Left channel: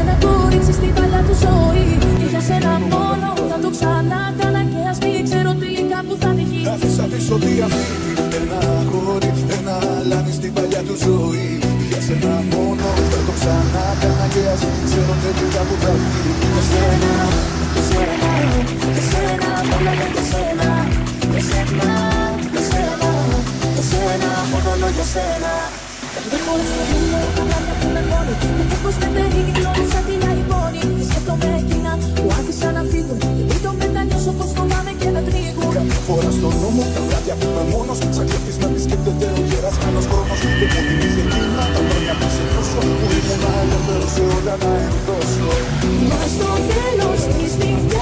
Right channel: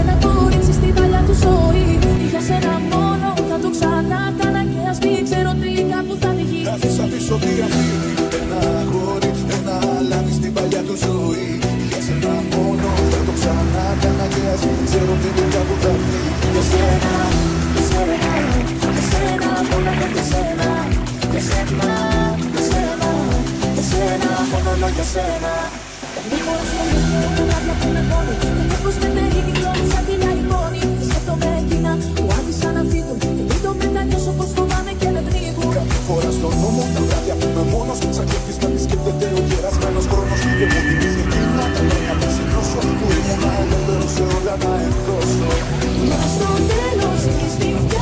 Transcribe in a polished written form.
Ένα κορίτσι στην παλιά του ζωή. Για σένα μόνο θα το ξανά κάνα και ας μην ξέρω τελικά που θα βγει. Άφησα πίσω τι αφήνει, ένα χώρι, ένα αλάνι στην παλιά του ζωή. Για σένα μόνο θα το ξανά κάνα και ας μην ξέρω τελικά που θα βγει. Για σένα, για σένα, για σένα, μόνο για σένα. Για σένα, για σένα, για σένα, μόνο για σένα. Μια φορά στο μυαλό τα βράδια που με πόνει και φεύγος με περικυκλώνει σαν τη λαϊκόνη. Σκέφτομαι εκείνα που άφησα να φύγουν και μην το μετανιώσω πως φοβάμαι και με πνίγουν. Κάποια φορά στο νου μου τα βράδια που είμαι μόνος, σαν κλέφτης με επισκέπτεται ο γερασμένος χρόνος. Και μου θυμίζει εκείνα τα χρόνια που ξυπνώσω, που ήμουν ελεύθερος σε όλα να ενδώσω. Μα στο τέλος της νύχτας